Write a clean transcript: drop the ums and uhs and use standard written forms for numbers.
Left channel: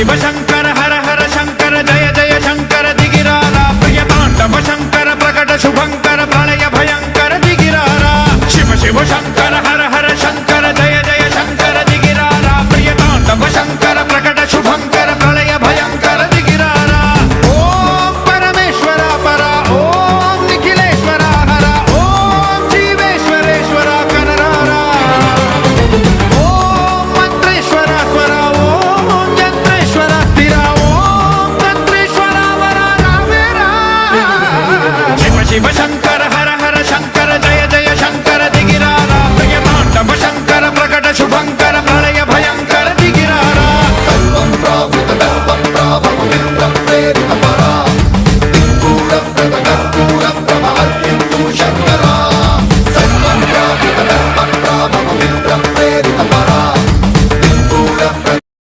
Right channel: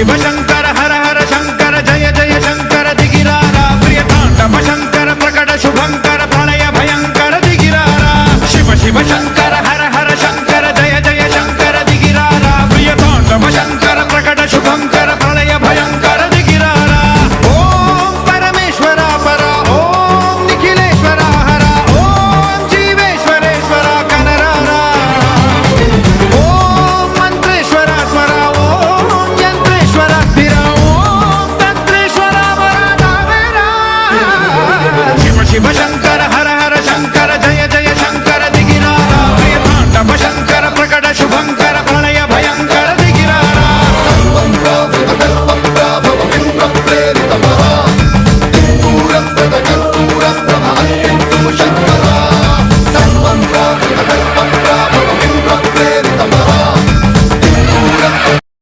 शिव शंकर हर हर शंकर जय जय शंकर दिगिरारा प्रिय तांडव शंकर प्रकट शुभंकर प्रलय भयंकर दिगिरारा शिव शिव शंकर